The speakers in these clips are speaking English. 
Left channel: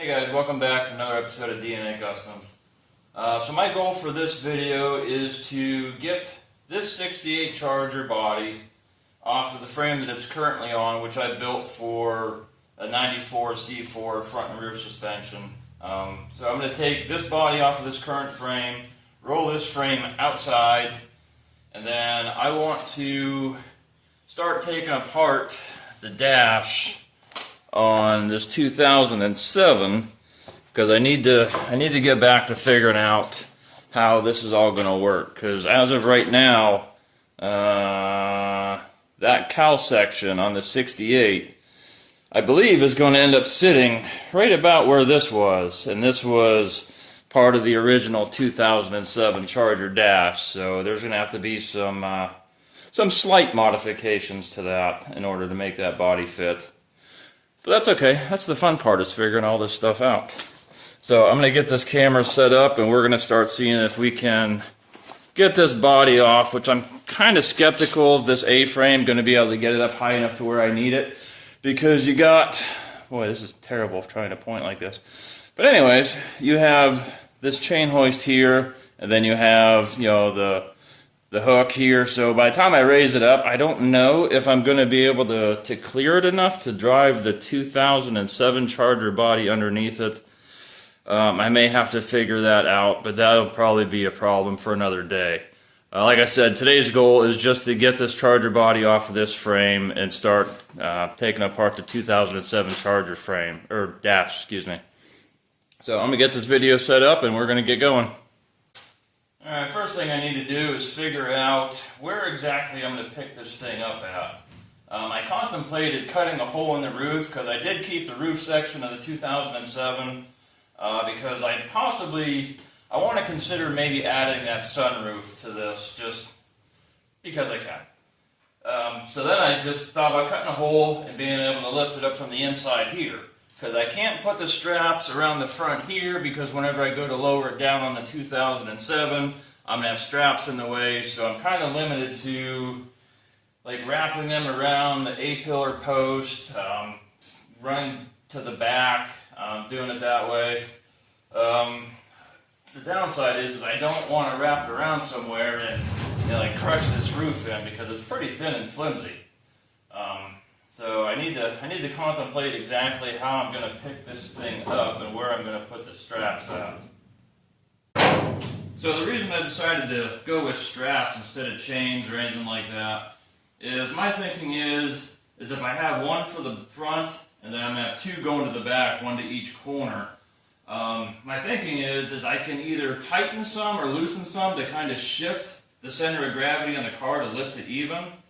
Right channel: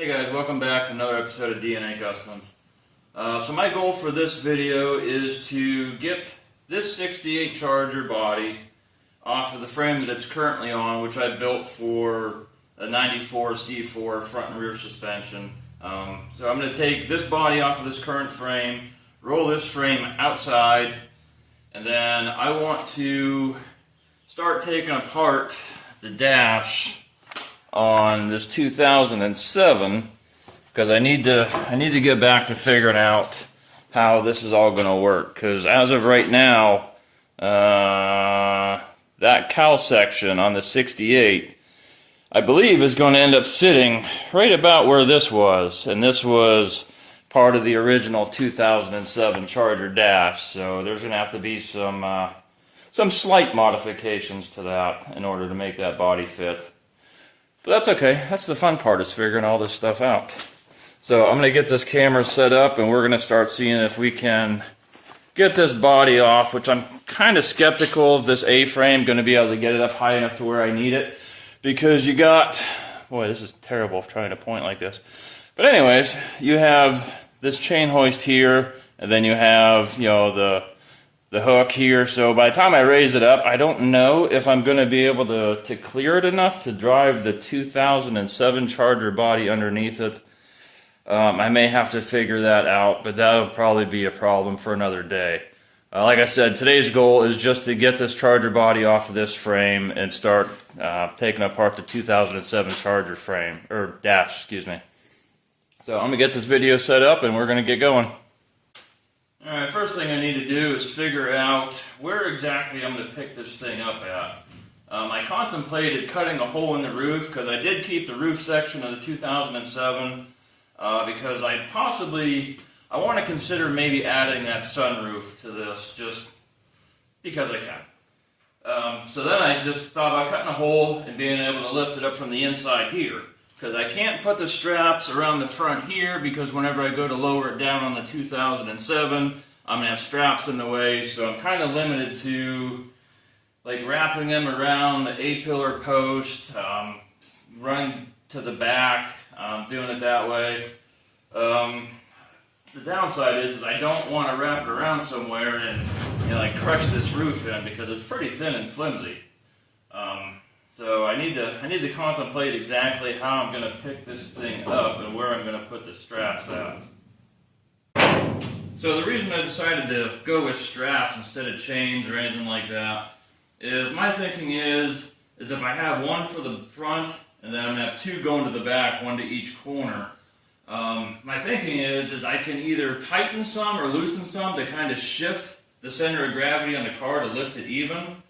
Hey guys, welcome back to another episode of DNA Customs. So my goal for this video is to get this 68 Charger body off of the frame that it's currently on, which I built for a 94 C4 front and rear suspension. So I'm going to take this body off of this current frame, roll this frame outside, and then I want to start taking apart the dash on this 2007 because I need to get back to figuring out how this is all going to work, because as of right now that cowl section on the 68 I believe is going to end up sitting right about where this was, and this was part of the original 2007 Charger dash, so there's going to have to be some slight modifications to that in order to make that body fit. But that's okay. That's the fun part, is figuring all this stuff out. So I'm going to get this camera set up, and we're going to start seeing if we can get this body off, which I'm kind of skeptical of this A-frame going to be able to get it up high enough to where I need it. Because you got, boy, this is terrible trying to point like this. But anyways, you have this chain hoist here, and then you have, you know, the hook here. So by the time I raise it up, I don't know if I'm going to be able to clear it enough to drive the 2007 Charger body underneath it. I may have to figure that out, but that'll probably be a problem for another day. Like I said, today's goal is just to get this Charger body off of this frame and start taking apart the 2007 Charger frame, or dash, excuse me. So I'm going to get this video set up and we're going to get going. Alright, first thing I need to do is figure out where exactly I'm going to pick this thing up at. I contemplated cutting a hole in the roof, because I did keep the roof section of the 2007, because I want to consider maybe adding that sunroof to this, just because I can. So then I just thought about cutting a hole and being able to lift it up from the inside here. Because I can't put the straps around the front here, because whenever I go to lower it down on the 2007, I'm going to have straps in the way, so I'm kind of limited to like wrapping them around the A-pillar post, running to the back, doing it that way. The downside is I don't want to wrap it around somewhere and, you know, like crush this roof in, because it's pretty thin and flimsy. So I need to contemplate exactly how I'm going to pick this thing up and where I'm going to put the straps at. So the reason I decided to go with straps instead of chains or anything like that is my thinking is if I have one for the front and then I'm going to have two going to the back, one to each corner. My thinking is I can either tighten some or loosen some to kind of shift the center of gravity on the car to lift it even.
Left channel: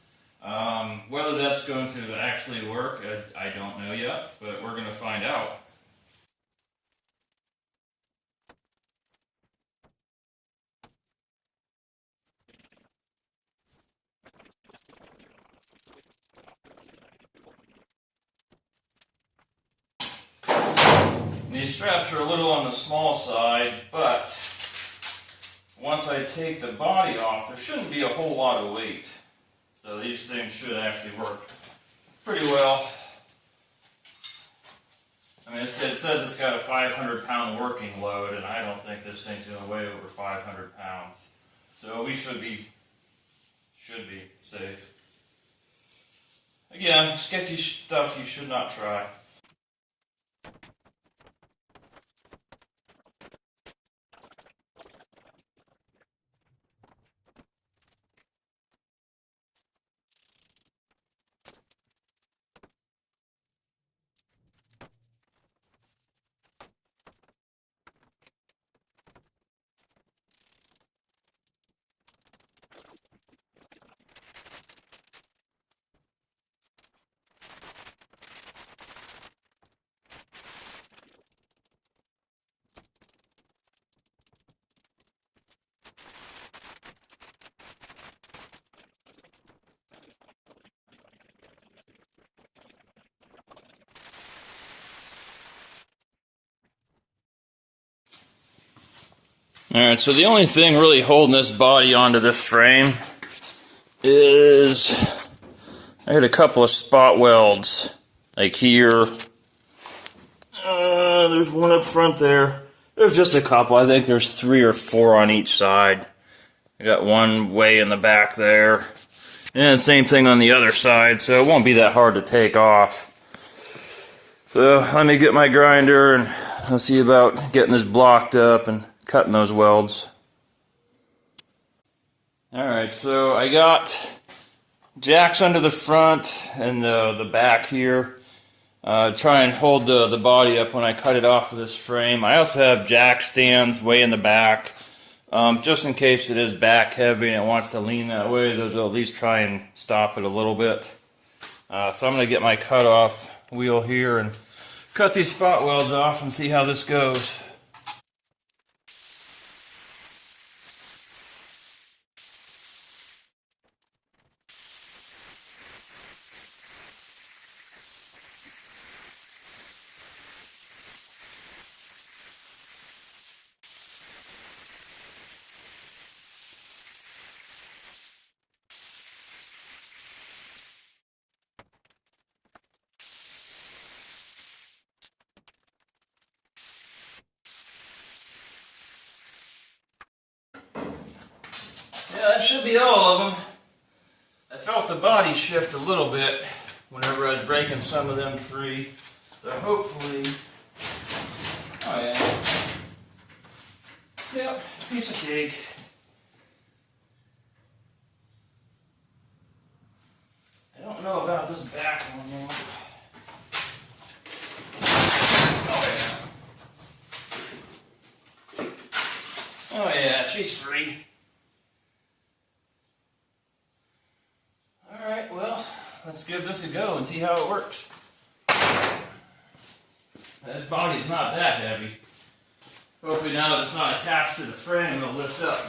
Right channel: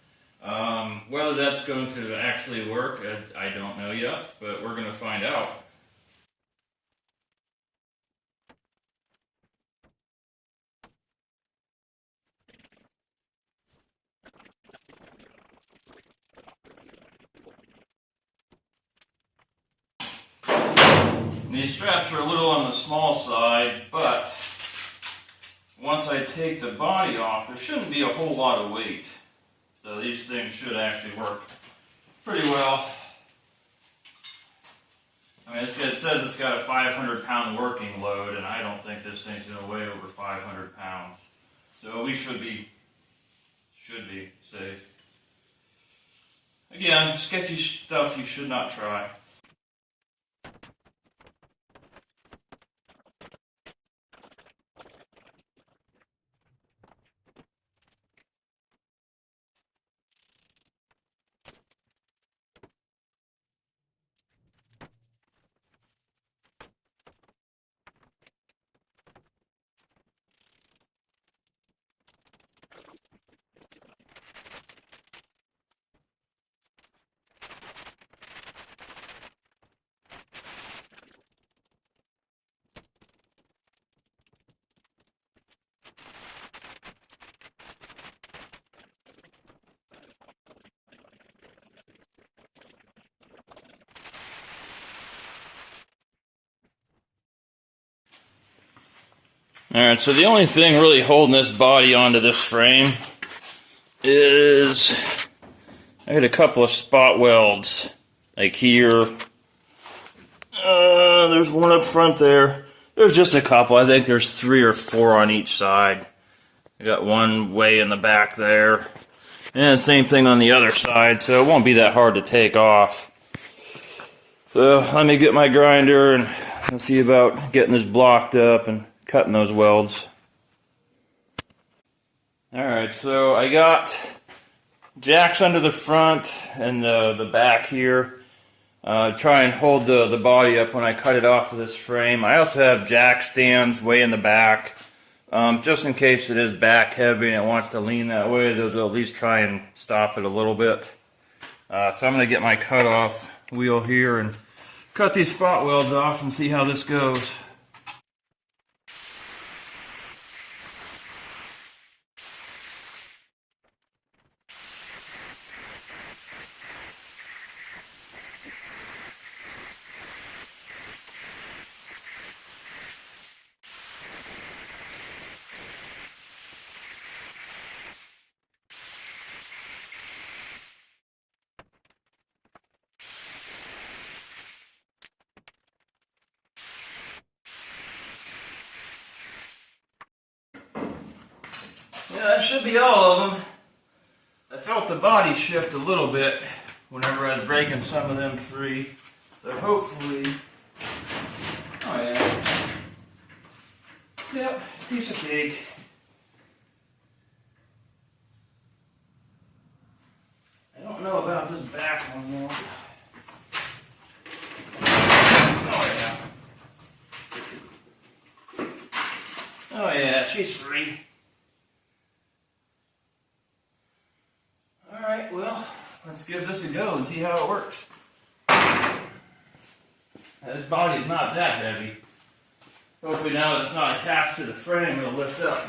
Whether that's going to actually work, I don't know yet, but we're going to find out. These straps are a little on the small side, but once I take the body off, there shouldn't be a whole lot of weight. So these things should actually work pretty well. I mean, it says it's got a 500-pound working load, and I don't think this thing's going to weigh over 500 pounds. So we should be safe. Again, sketchy stuff you should not try. Alright, so the only thing really holding this body onto this frame is I got a couple of spot welds, like here, there's one up front there. There's just a couple. I think there's 3 or 4 on each side. I got one way in the back there. And same thing on the other side, so it won't be that hard to take off. So let me get my grinder and I'll see about getting this blocked up and cutting those welds. Alright, so I got jacks under the front and the back here. Try and hold the body up when I cut it off of this frame. I also have jack stands way in the back. Just in case it is back heavy and it wants to lean that way, those will at least try and stop it a little bit. So I'm going to get my cutoff wheel here and cut these spot welds off and see how this goes. Yeah, that should be all of them. I felt the body shift a little bit whenever I was breaking some of them free. So hopefully, oh yeah, yep, piece of cake. I don't know about this back one though. Oh yeah. Oh yeah, she's free. Alright, well, let's give this a go and see how it works. This body's not that heavy. Hopefully now that it's not attached to the frame, it'll lift up.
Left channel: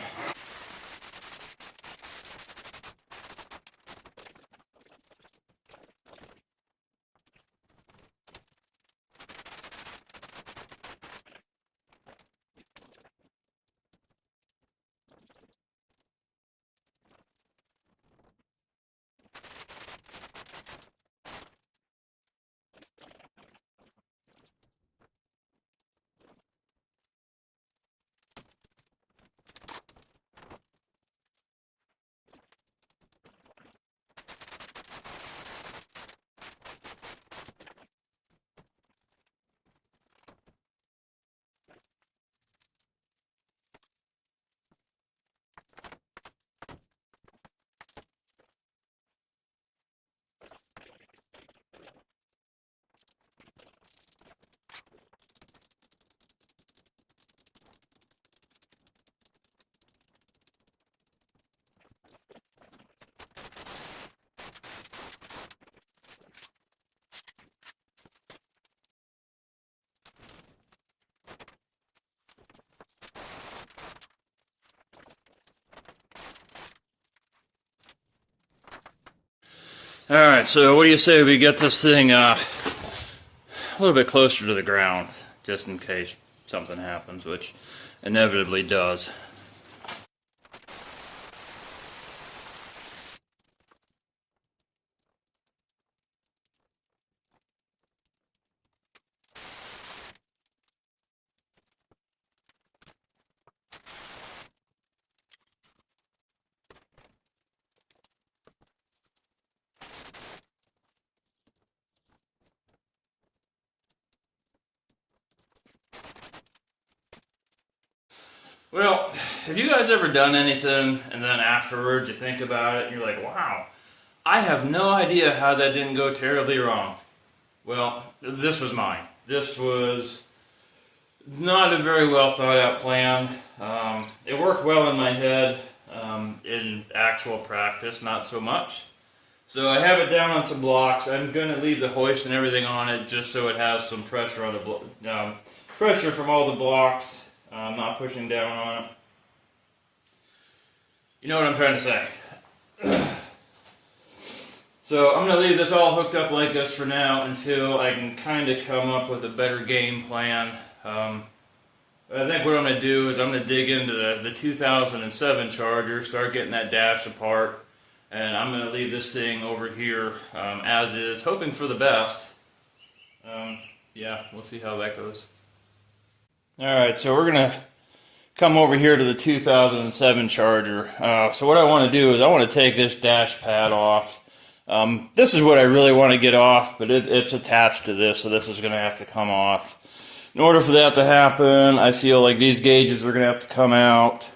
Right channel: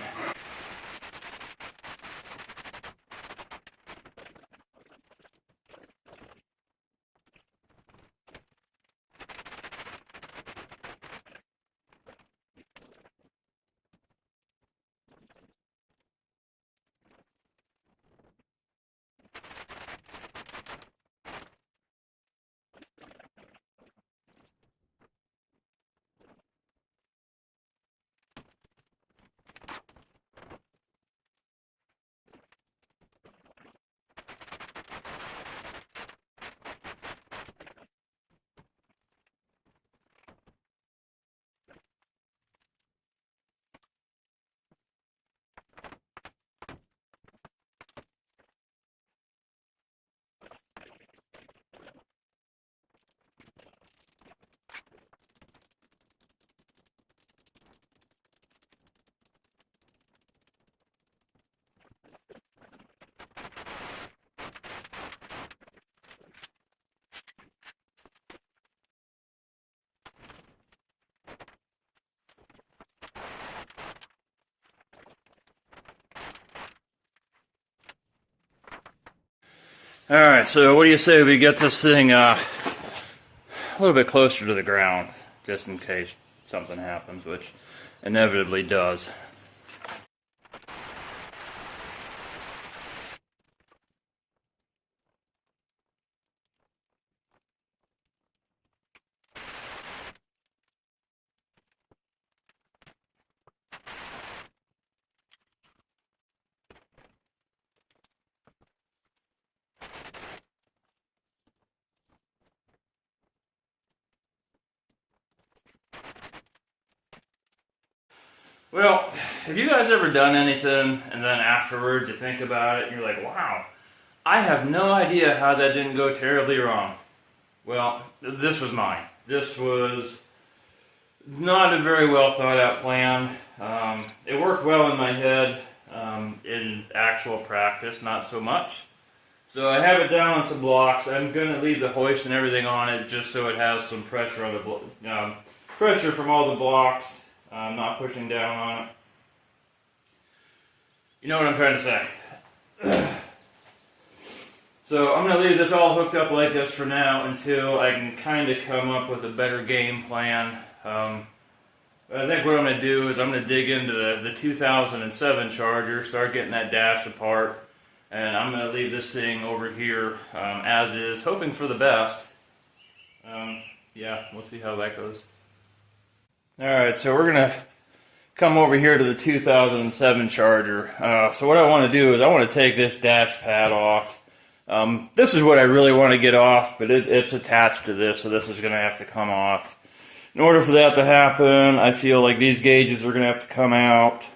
Alright, so what do you say we get this thing a little bit closer to the ground, just in case something happens, which inevitably does. Well, have you guys ever done anything and then afterwards you think about it and you're like, wow, I have no idea how that didn't go terribly wrong? Well, this was mine. This was not a very well thought out plan. It worked well in my head. In actual practice, not so much. So I have it down on some blocks. I'm going to leave the hoist and everything on it just so it has some pressure on the pressure from all the blocks. Not pushing down on it. You know what I'm trying to say. So I'm going to leave this all hooked up like this for now until I can kind of come up with a better game plan. I think what I'm going to do is I'm going to dig into the 2007 Charger, start getting that dash apart, and I'm going to leave this thing over here as is, hoping for the best. Yeah, we'll see how that goes. Alright, so we're going to come over here to the 2007 Charger. So what I want to do is I want to take this dash pad off. This is what I really want to get off, but it's attached to this, so this is going to have to come off. In order for that to happen, I feel like these gauges are going to have to come out.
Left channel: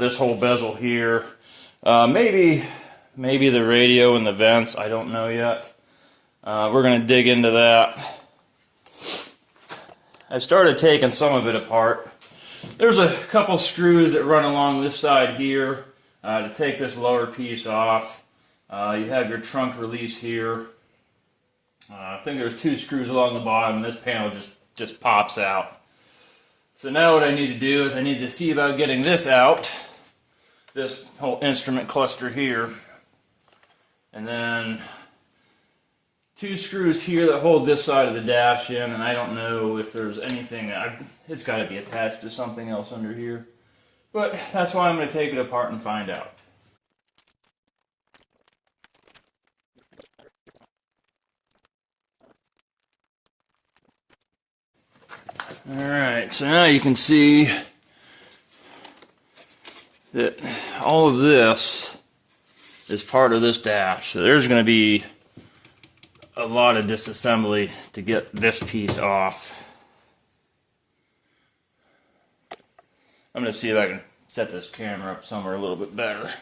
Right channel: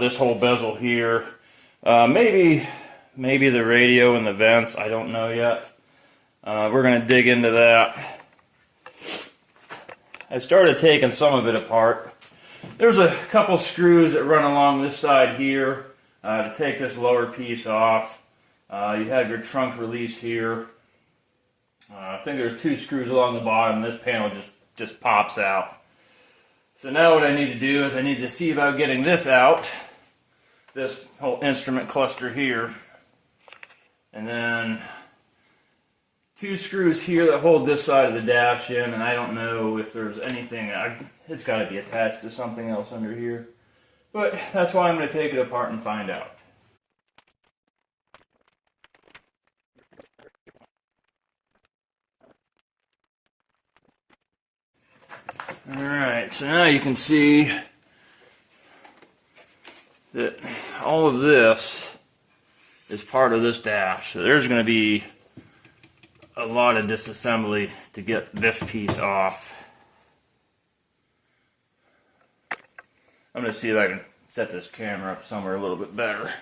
This whole bezel here. Maybe the radio and the vents, I don't know yet. We're going to dig into that. I started taking some of it apart. There's a couple screws that run along this side here to take this lower piece off. You have your trunk release here. I think there's 2 screws along the bottom. This panel just pops out. So now what I need to do is I need to see about getting this out. This whole instrument cluster here. And then 2 screws here that hold this side of the dash in, and I don't know if there's anything, it's got to be attached to something else under here. But that's why I'm going to take it apart and find out. Alright, so now you can see that all of this is part of this dash. So there's going to be a lot of disassembly to get this piece off. I'm going to see if I can set this camera up somewhere a little bit better.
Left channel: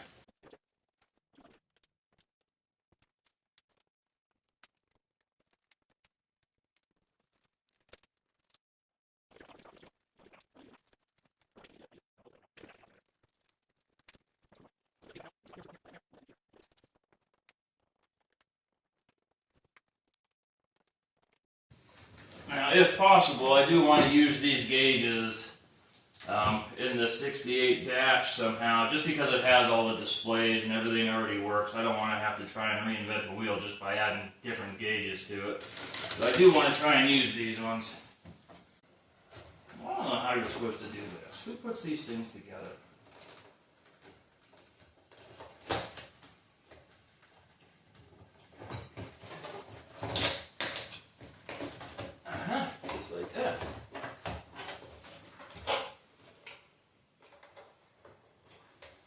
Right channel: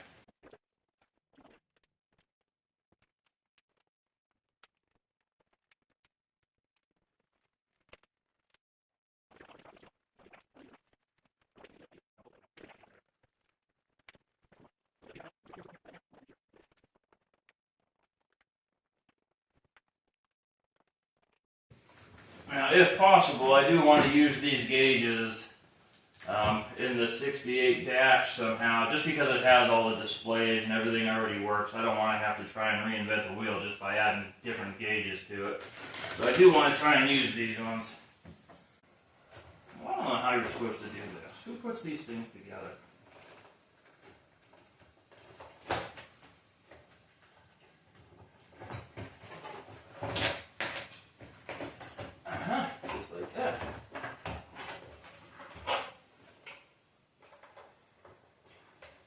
Now, if possible, I do want to use these gauges in the 68 dash somehow, just because it has all the displays and everything already works. I don't want to have to try and reinvent the wheel just by adding different gauges to it. But I do want to try and use these ones. Well, I don't know how you're supposed to do this. Who puts these things together? Just like that.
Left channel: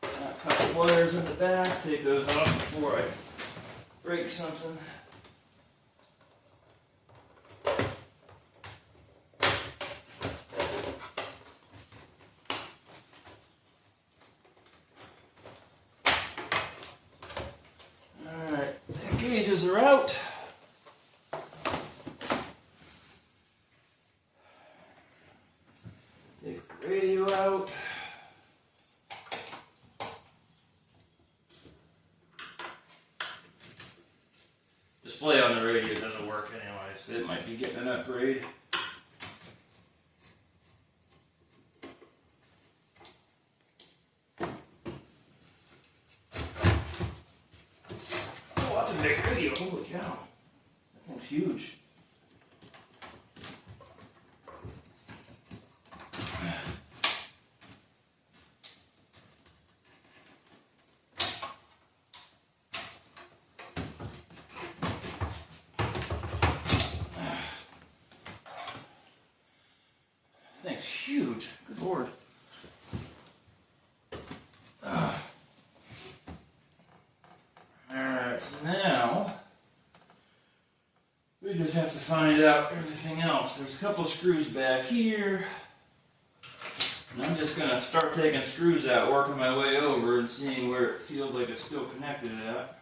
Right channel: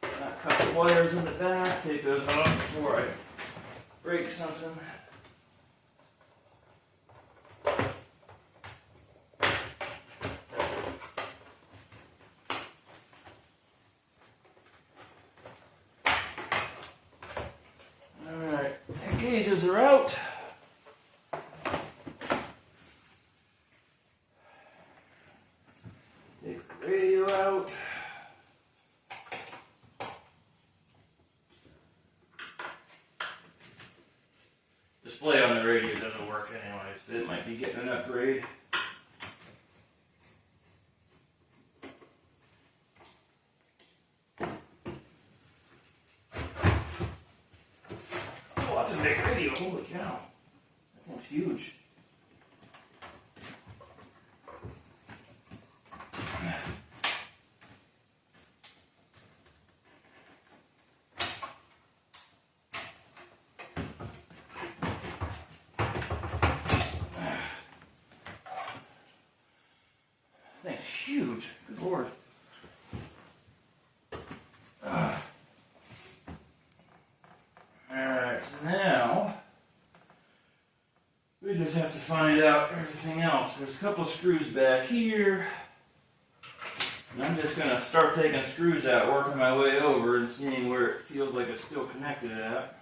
A couple wires in the back, take those off before I break something. Alright, the gauges are out. Take the radio out. Display on the radio doesn't work anyway, so it might be getting an upgrade. Oh, that's a big radio, holy cow. That thing's huge. Thing's huge. Good Lord. Alright, so now we just have to find out everything else. There's a couple screws back here. And I'm just going to start taking screws out, working my way over and seeing where it feels like it's still connected at.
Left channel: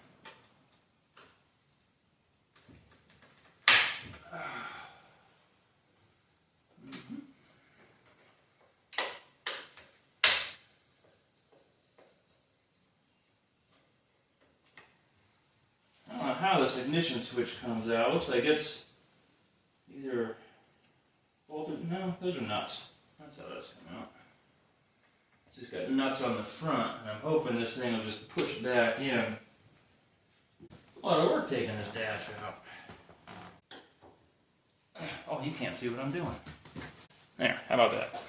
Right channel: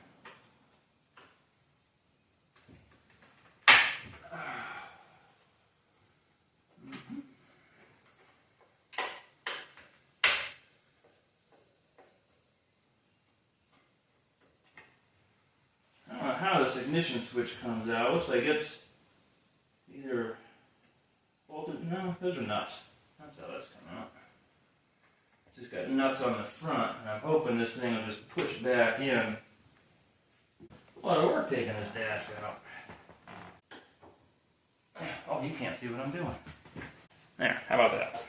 How this ignition switch comes out. Looks like it's either bolted. No, those are nuts. That's how that's coming out. Just got nuts on the front, and I'm hoping this thing will just push back in. A lot of work taking this dash out. Oh, you can't see what I'm doing. There, how about that?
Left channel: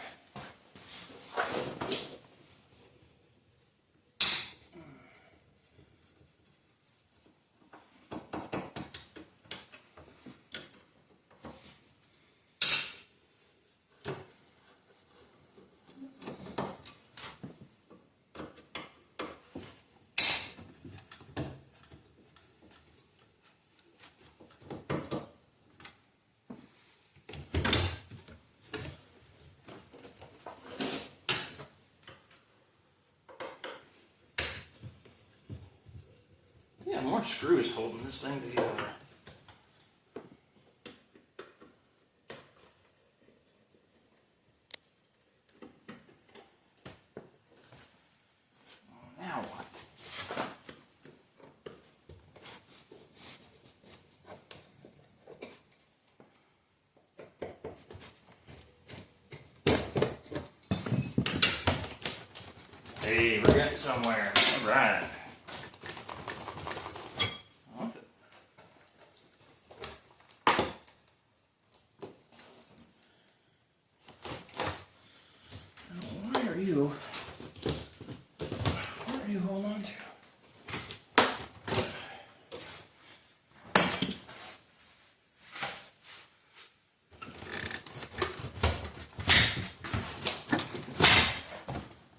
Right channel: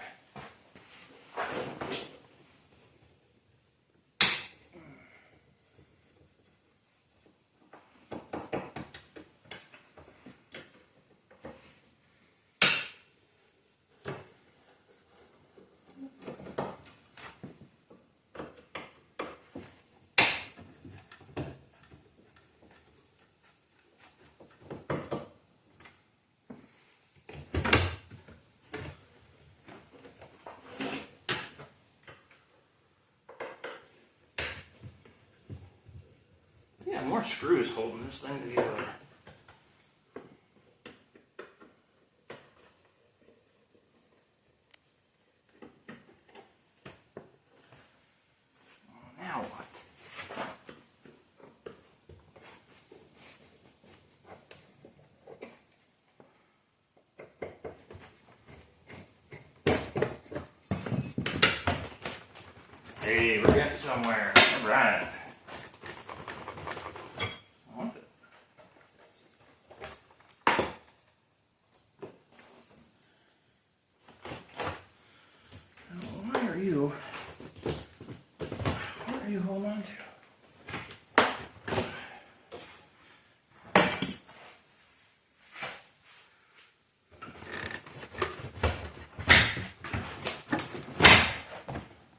more screws holding this thing together. Now what? Hey, we're getting somewhere. All right. What the? Why are you? What are you holding on to?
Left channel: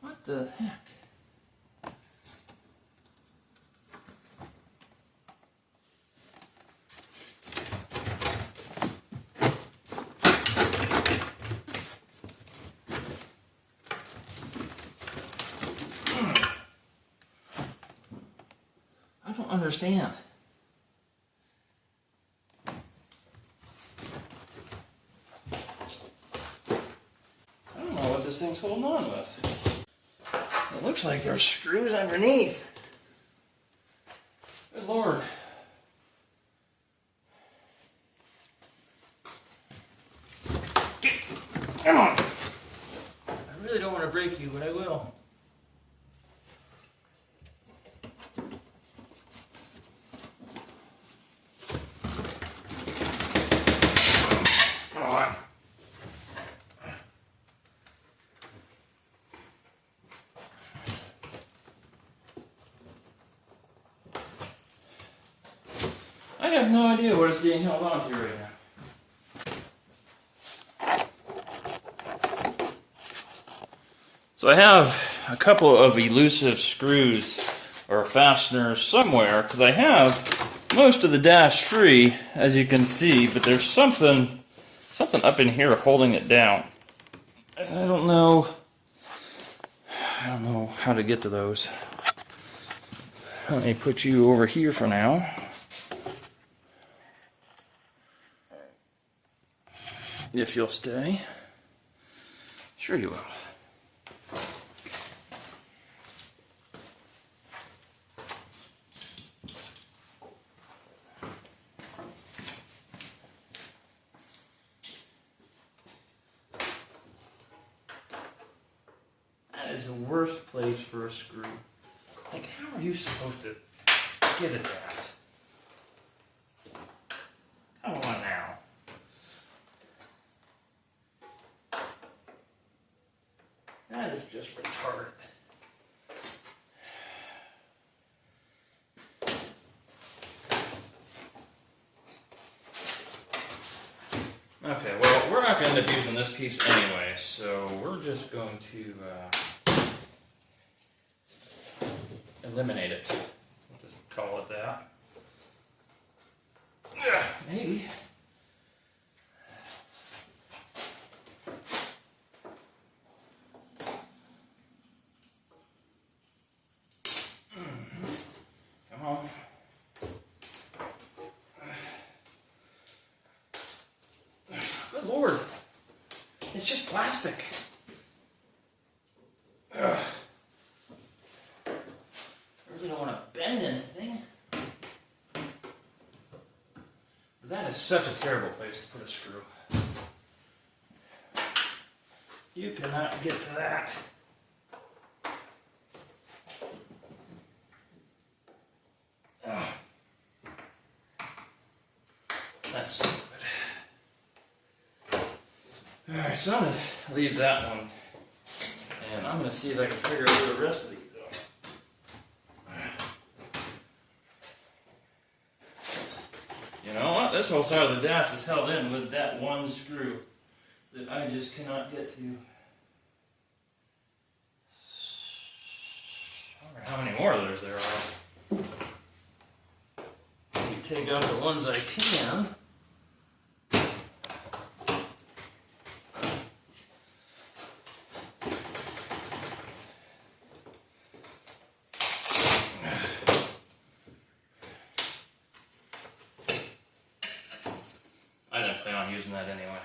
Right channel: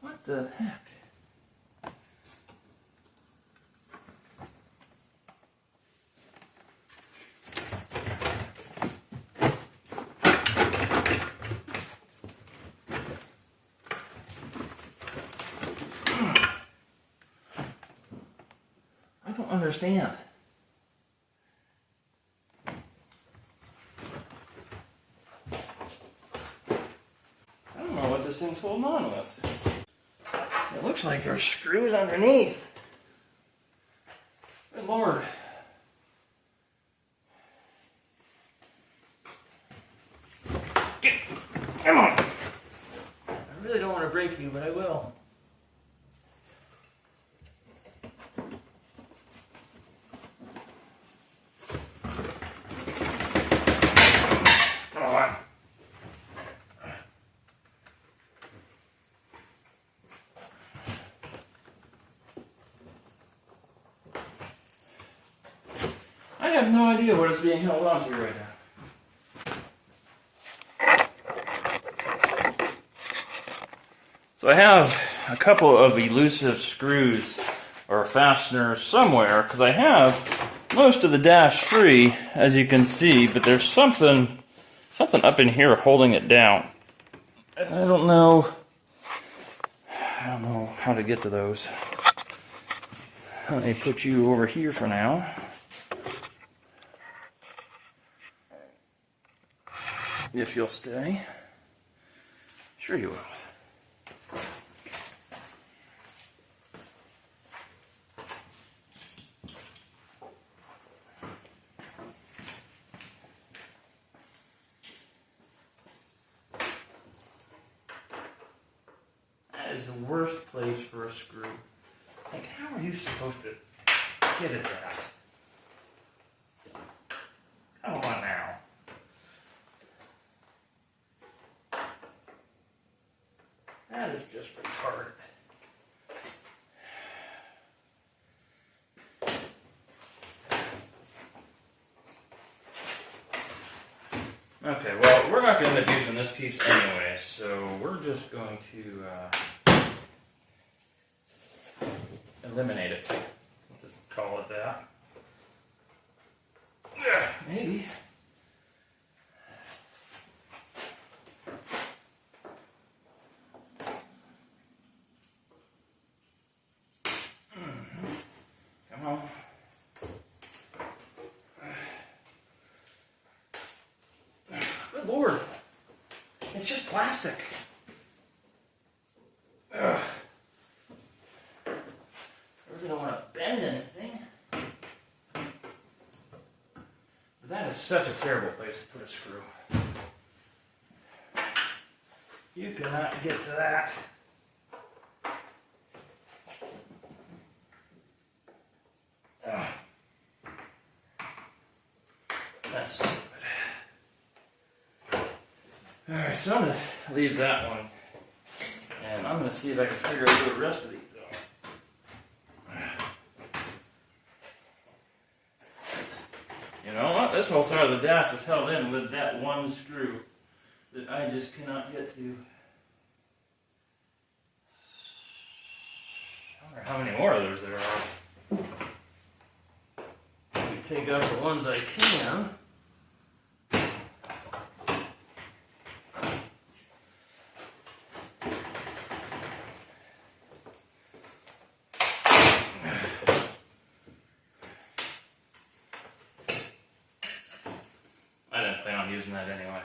What the heck? I don't understand. I don't know what this thing's holding on with. It looks like there's screws underneath. Good Lord. Come on. I really don't want to break you, but I will. Come on. I have no idea what it's being held on to right now. So I have a couple of elusive screws or fasteners somewhere because I have most of the dash free, as you can see, but there's something up in here holding it down. I don't know how to get to those. Let me put you over here for now. If you'll stay. Sure you will. That is the worst place for a screw. Like, how are you supposed to get at that? Come on now. That is just retarded. Okay, well, we're not going to end up using this piece anyway, so we're just going to eliminate it. We'll just call it that. Maybe. Come on. Good Lord. It's just plastic. Ugh. I really don't want to bend anything. But that is such a terrible place to put a screw. You cannot get to that. Ugh. That's stupid. Alright, so I'm going to leave that one. And I'm going to see if I can figure out the rest of these though. You know what? This whole side of the dash is held in with that one screw that I just cannot get to. I wonder how many more others there are. Let me take out the ones I can. pound using that anyway.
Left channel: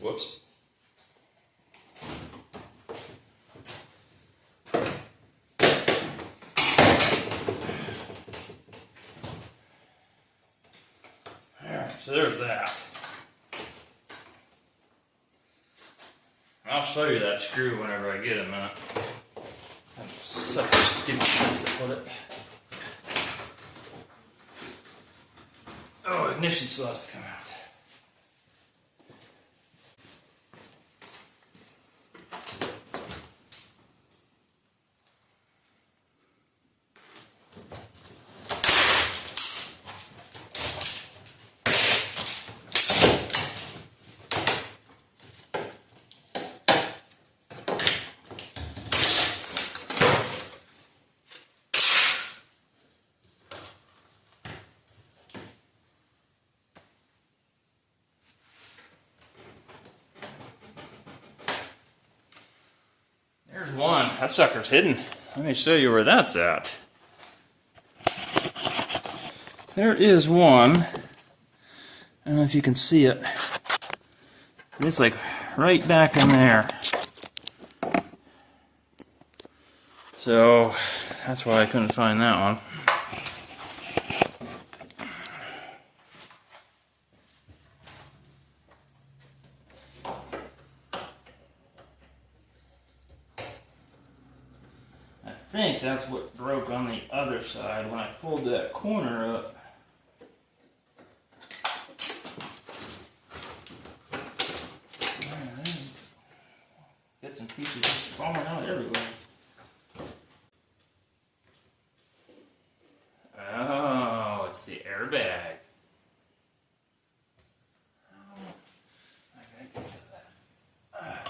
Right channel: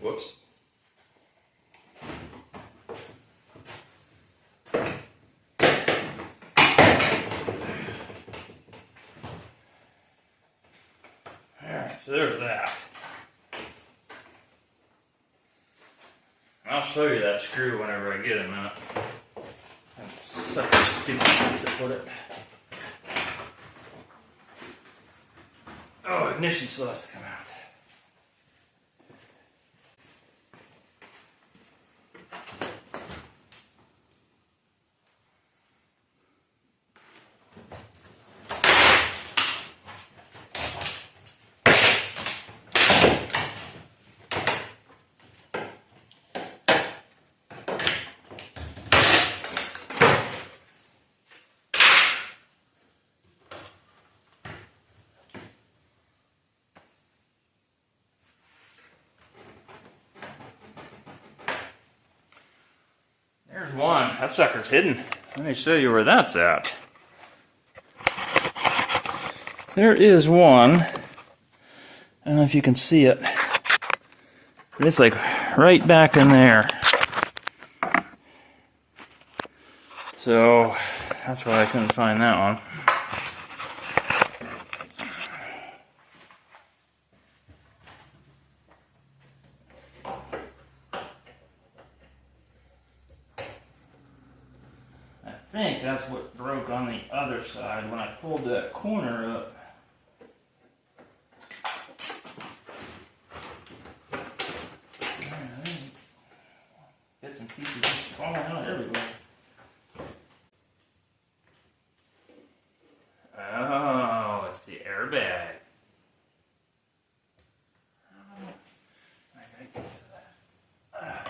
Whoops. Alright, so there's that. I'll show you that screw whenever I get it, man. That's such a stupid place to put it. Oh, ignition still has to come out. There's one. That sucker's hidden. Let me show you where that's at. There is one. I don't know if you can see it. But it's like right back in there. So that's why I couldn't find that one. I think that's what broke on the other side when I pulled that corner up. Bits and pieces just falling out everywhere. Oh, it's the airbag. I gotta get to that.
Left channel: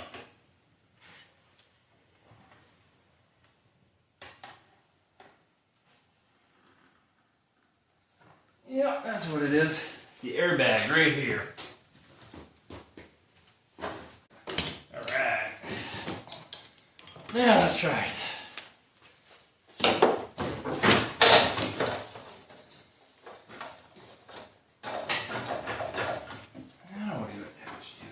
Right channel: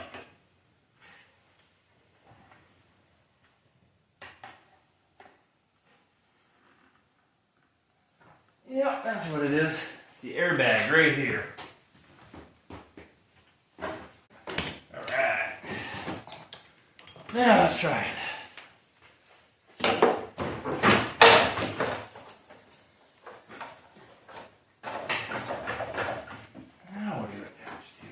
Yep, that's what it is. It's the airbag right here. Alright. Now let's try it. Now what do you attach to?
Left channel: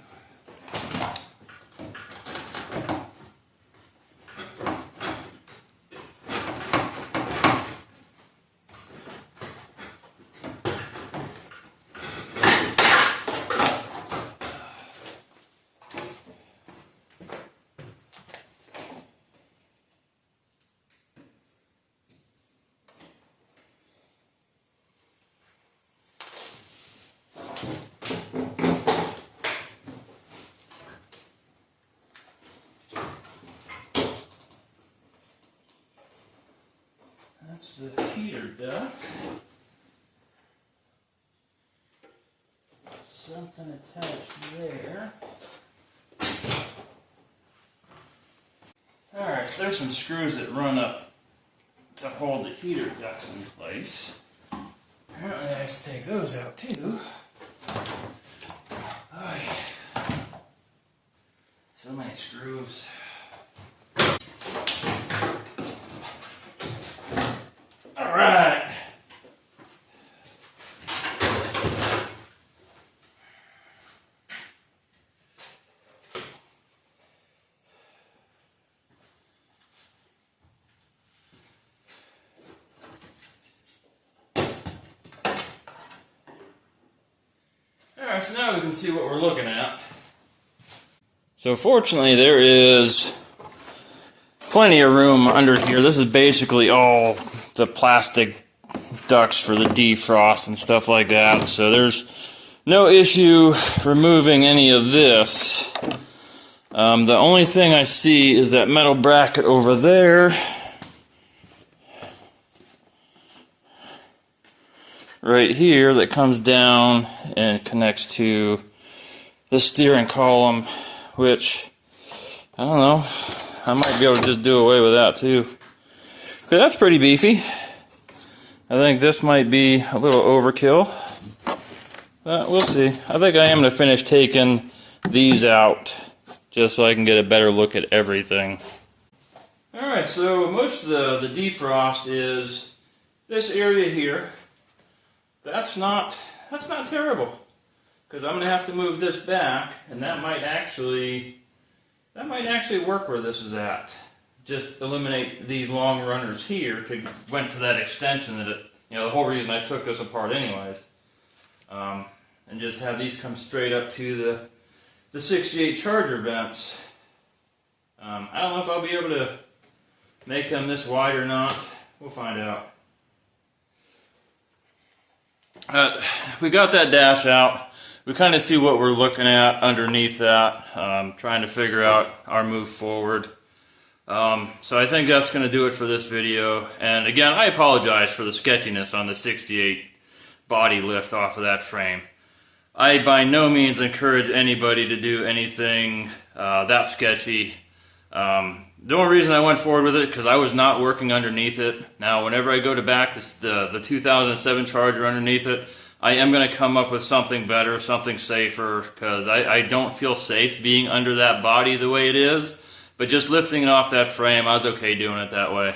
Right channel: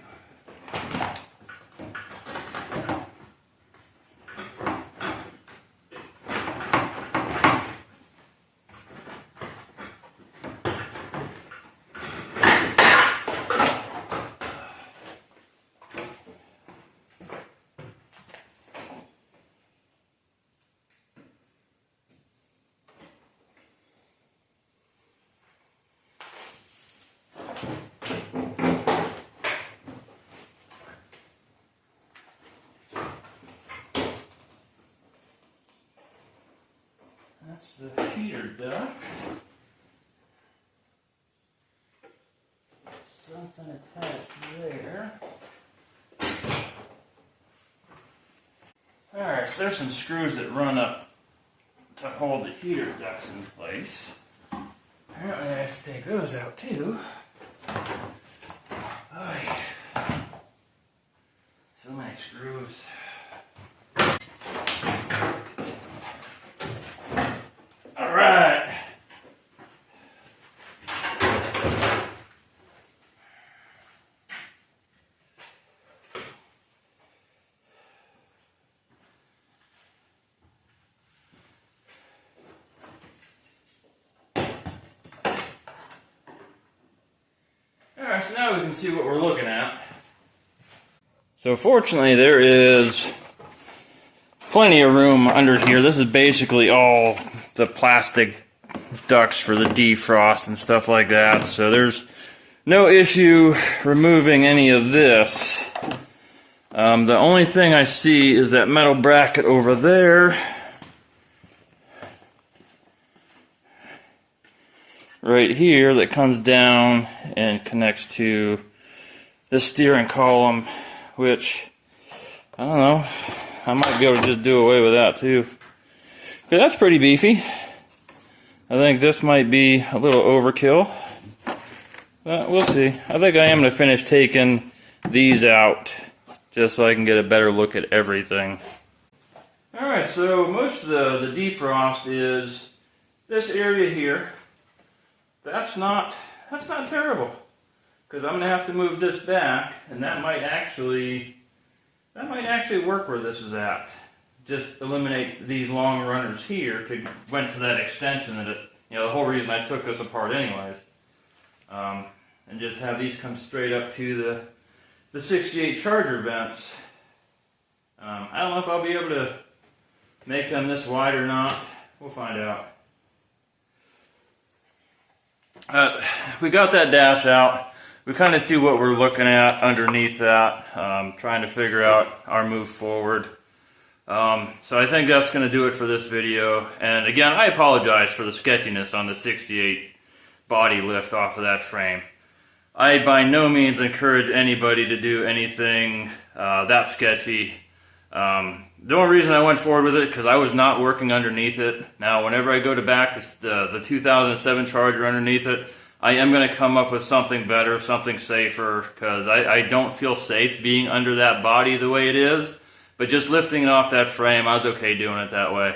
That's the heater duct. Something attached there. Alright, so there's some screws that run up to hold the heater ducts in place. Apparently I have to take those out too. Oh yeah. So many screws. Alright. Alright, so now we can see what we're looking at. So fortunately there is plenty of room under here. This is basically all the plastic ducts for the defrost and stuff like that. So there's no issue removing any of this. The only thing I see is that metal bracket over there. Right here that comes down and connects to the steering column, which, I don't know, I might be able to just do away with that too. Okay, that's pretty beefy. I think this might be a little overkill. We'll see. I think I am going to finish taking these out just so I can get a better look at everything. Alright, so most of the defrost is this area here. That's not terrible, because I'm going to have to move this back, and that might actually work where this is at. Just eliminate these long runners here went to that extension that the whole reason I took this apart anyways. And just have these come straight up to the 68 charger vents. I don't know if I'll be able to make them this wide or not. We'll find out. We got that dash out. We kind of see what we're looking at underneath that, trying to figure out our move forward. So I think that's going to do it for this video. And again, I apologize for the sketchiness on the 68 body lift off of that frame. I by no means encourage anybody to do anything that sketchy. The only reason I went forward with it because I was not working underneath it. Now, whenever I go to back the 2007 Charger underneath it, I am going to come up with something better, something safer, because I don't feel safe being under that body the way it is. But just lifting it off that frame, I was okay doing it that way.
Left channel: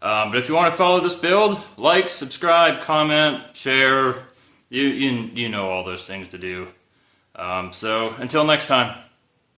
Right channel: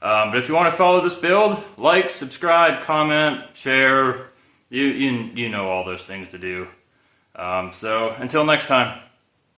But if you want to follow this build, like, subscribe, comment, share. You know all those things to do. So until next time.